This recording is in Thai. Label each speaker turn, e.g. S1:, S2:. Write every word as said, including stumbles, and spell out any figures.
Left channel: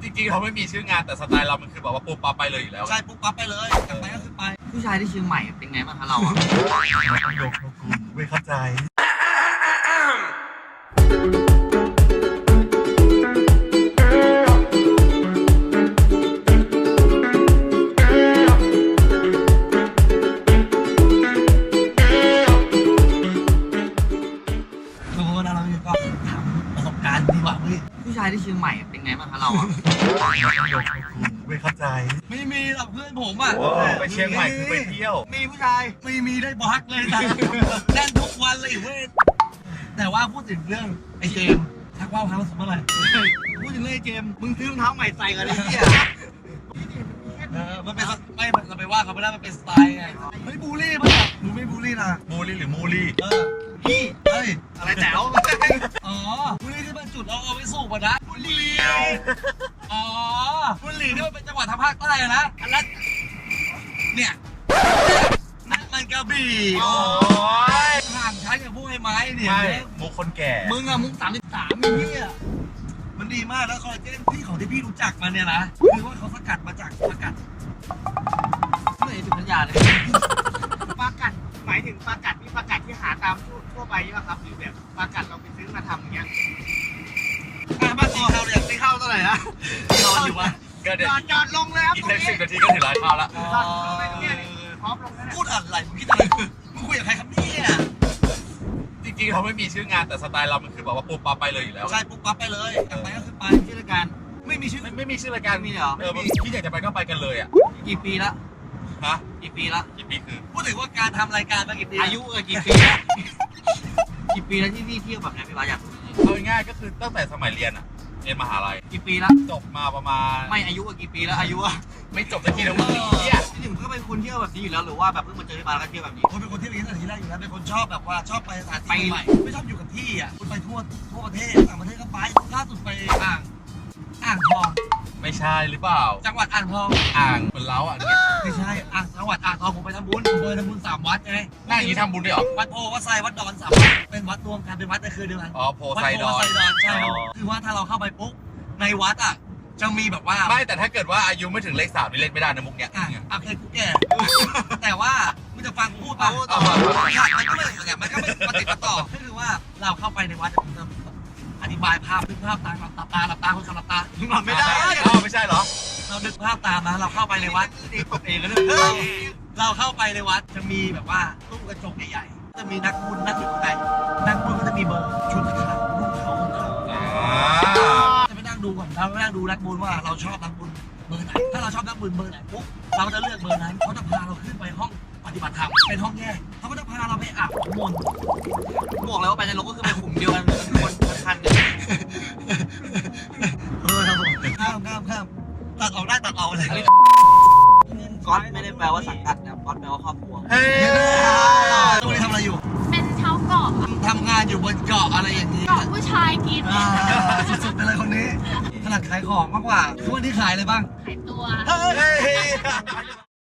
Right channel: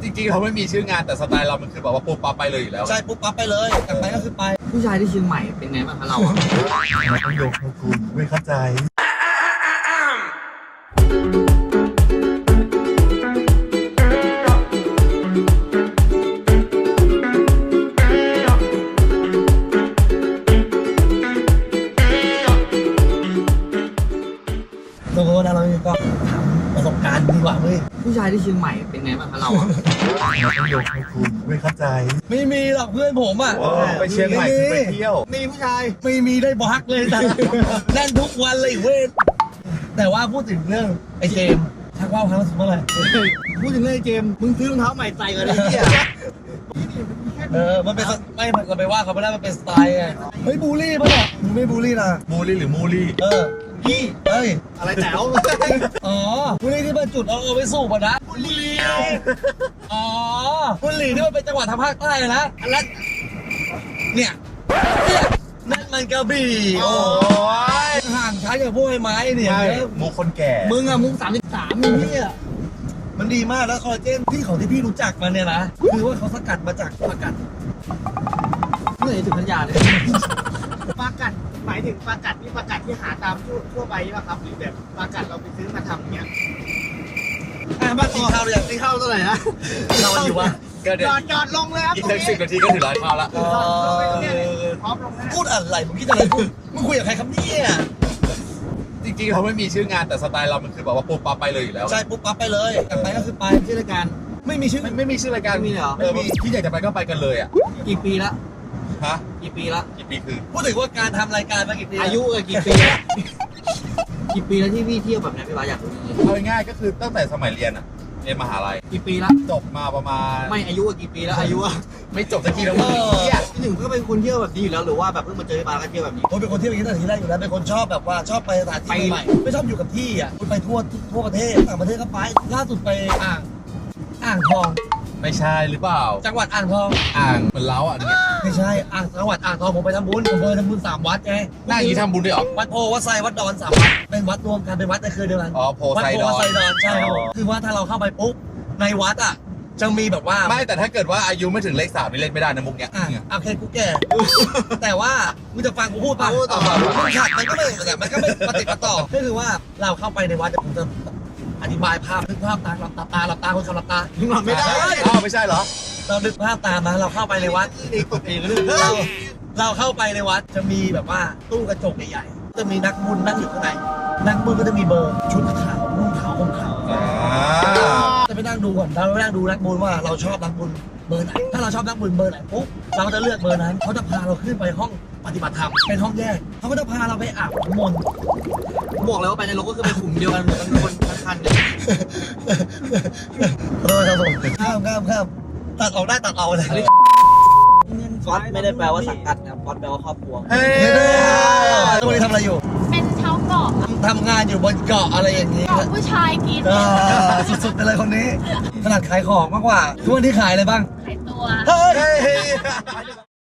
S1: จริงๆเราไม่มีชื่องานแต่สไตล์เรามันคือแบบว่าปุ๊บปั๊บไปเลยอยู่แล้ว
S2: ใช่ปุ๊บปั๊บไปเลยแต่ไปก็คือไป
S3: ผู้ชายที่เชียงใหม่เป็นไงบ้างคะเราอะ
S1: ต้องยกให้คุณไม่เข้าใจ
S2: โดนเราก็ทำประสบการณ์ดีกว่าเว้ย
S3: ผู้ชายที่เชียงใหม่เป็นไงบ้างคะเราอะ
S1: ต้องยกให้คุณไม่เข้าใจ
S2: ไม่มีหรอกเพื่อนผมอ่ะ
S1: ไปเชียงใหม่คือไปเที่ยว
S2: มีผู้ชายไม่มีได้บักเลยแต่แน่นทุกวันเลยเว้ยแต่ว่าพูดถึงเรื่องไอ้เจมส์ชักว่าวครั้งสุดเมื่อไหร่พูดถึงเรื่องไอ้เจมส์มึงซื้อรองเท้าใหม่ใส่กันเลยเนี่ยเออมันเป็นไม่มันเราไปว่าเขาไม่ได้มันเป็นสไตล์ไงเฮ้ยบูลลี่ป่ะมึงไม่บูลลี่นะ
S1: มูลี่หรือมูลี่
S2: เออพี่เฮ้ย
S3: อะไรแจ๋ว
S2: อ๋อบุหรี่ที่มันจุดเอาเอาไปสูบอ่ะนะบุหรี่อ๋อบุหรี่ที่มันเป็นจังหวัดทางภาคใต้นะอันนั้นเนี่ยนั่นมันกระบี่โอ้ยห่างชั้นกับพวกไอ้ไม้เนี่ย
S1: ใช่มูคนแก่
S2: มึงอะมึงสามสิบสามมีเนี่ยมันดีมากแล้วคอลลาเจนที่ของที่พี่รู้จักมันเนี่ยนะคือว่าเขาสกัดมาจากผักกัด
S3: เมื่อไหร่ถึงพัทยาเลย
S4: ปลากัดหมายถึงปลากัดนี่ปลากัดที่หาตามทั่วทั่วไปใช่ป่ะครับหรือแบบปลากัดเราไปซื้อมาทำอย่างเงี้ย
S2: ไอ้บ้านตีข้าวเลยอยากตีข้าวเท่าไหร่นะนอนอยู่วะ
S1: ก็เดี๋
S4: จ
S1: ยว
S4: อดจอดลงเลยครับ
S1: อีกสักสิบนาทีก็ถึงร้านค้าละ
S2: อ๋อ
S4: พร้อมลงแล้ว
S2: พูดอะไรมึงคิดอะไรมึงคุยกับใครครับเนี่ย
S1: จริงๆเราไม่มีชื่องานแต่สไตล์เรามันคือแบบว่าปุ๊บปั๊บไปเลยอยู่แล้ว
S2: ใช่ปุ๊บปั๊บไปเลยแต่ไปก็คือไป
S3: ชื่อรายการ
S2: ไม่มีชื่อ
S1: ไม่ไม่มีชื่อรายการ
S3: ไม่มีเหรอ
S1: เออที่อยากจะไปก็ไปกันเลยอ่ะ
S3: กี่ปีละ
S1: ฮะ
S3: กี่ปีละ
S1: กี่ปีคือ
S2: พูดถึงว่าการทำรายการมากี่ปี
S3: อายุกับกี่ปีละกี่ปีแล้วที่พี่เที่ยวแบบเนี้ยพี่บาสอยากรู้
S1: เอาง่ายๆก็คือตั้งแต่สมัยเรียนอ่ะเรียนมหาลัย
S3: กี่ปีละ
S1: จบมาประมาณ
S3: ไม่อายุกับกี่ปีแล้วอายุอะ
S1: ไม่จบสักทีแล้วมึงเหี้ย
S3: พี่หนึ่งก็เป็นคนเที่ยวแบบนี้อยู่แล้วหรือว่าแบบเพิ่งมาเจอพี่บาสก็เที่ยวแบบนี้
S2: ผมเป็นคนเที่ยวอย่างนี้ตั้งแต่ทีแรกอยู่แล้วเป็นคนชอบแบบว่าชอบไปสถานที่ใหม่ไม่ชอบอยู่กับที่อ่ะคุณไปทั่วทั่วประเทศต่างประเทศก็ไปล่าสุดไปอ่างอ่างทอง
S1: ไม่ใช่หรือเปล่า
S2: จังหวัดอ่างทอง
S1: อ่างเหมือนเล้าอ่ะ
S2: ไม่ใช่อ่างจังหวัดอ่างทองผมไปทำบุญผมไปทำบุญสามวัดไง
S1: หน้าอย่างนี้ทำบุญด้วยเหรอ
S2: วัดโพวัดไซวัดดอนสามวัดเป็นวัดรวมกันเป็นวัดในคืนเดียวกัน
S1: อ๋อโพ
S2: วัด
S1: ไซ
S2: โพ
S1: ดอ
S2: วัดไซ
S1: น
S2: ดอนใช่ครับผมคือว่าถ้าเราเข้าไปปุ๊บในวัดอ่ะจะมีแบบว่า
S1: ไม่แต่ถ้าเกิดว่าอายุไม่ถึงเลขสามนี่เล่นไม่ได้นะมุกเนี้ย
S2: อ่ะโอเคกูแก่ แต่ว่ามึงจะฟังกูพูดป่ะ
S3: พูดต่อ
S2: มันก็ไม่มันก็ไม่ปฏิปต่อก็คือว่าเราเข้าไปในวัดแต่ผมจะอธิบายภาพนึกภาพตามหลับตาตาหลับตาคนคนหลับตา
S3: หลับไม่ได้
S1: อ้าวไม่ใช่เหรอ
S2: เรานึกภาพตามนะเราเข้าไปในวัด
S3: เองตกเองก็เรื่อง
S2: เราเราเข้าไปในวัดจะมีแบบว่าตู้กระจกใหญ่ๆจะมีนักบุญนั่งอยู่ข้างในนักบุญก็จะมีเบอร์ชุดขาวนุ่งขาวห่มขาว
S1: อ่า
S2: จะไปนั่งดูก่อนเราไปนั่งดูนักบุญว่าเราชอบนักบุญเบอร์ไหนถ้าเราชอบนักบุญเบอร์ไหนปุ๊บเราจะเลือกเบอร์นั้นเขาจะพาเราขึ้นไปห้องปฏิบัติธรรมเป็นห้องแยกเขาก็จะพาเราไปอาบน้ำมนต์
S3: บอกเลยว่าไปในโลกก็คือเป็นกลุ่มเดียวกันคนพันกัน
S2: เออครับผมข้ามข้ามข้ามตัดออกได้ตัดออกเลย
S3: ก๊อตไม่ได้แปลว่าสังกัดนะก๊อตแปลว่าครอบครัว
S1: เฮ้ย
S2: ตัวนี้ทำอะไรอยู่
S5: เป็นชาวเกาะ
S2: ทำทำงานอยู่บนเกาะอะไรอย่างนี้
S5: เกาะผู้ชายกิน
S2: เออสุดๆไปเลยคนนี้ขนาดขายของมากกว่าทุกวันที่ขายอะไรบ้าง
S5: ขายตัว
S2: เฮ้ย
S1: เฮ้ย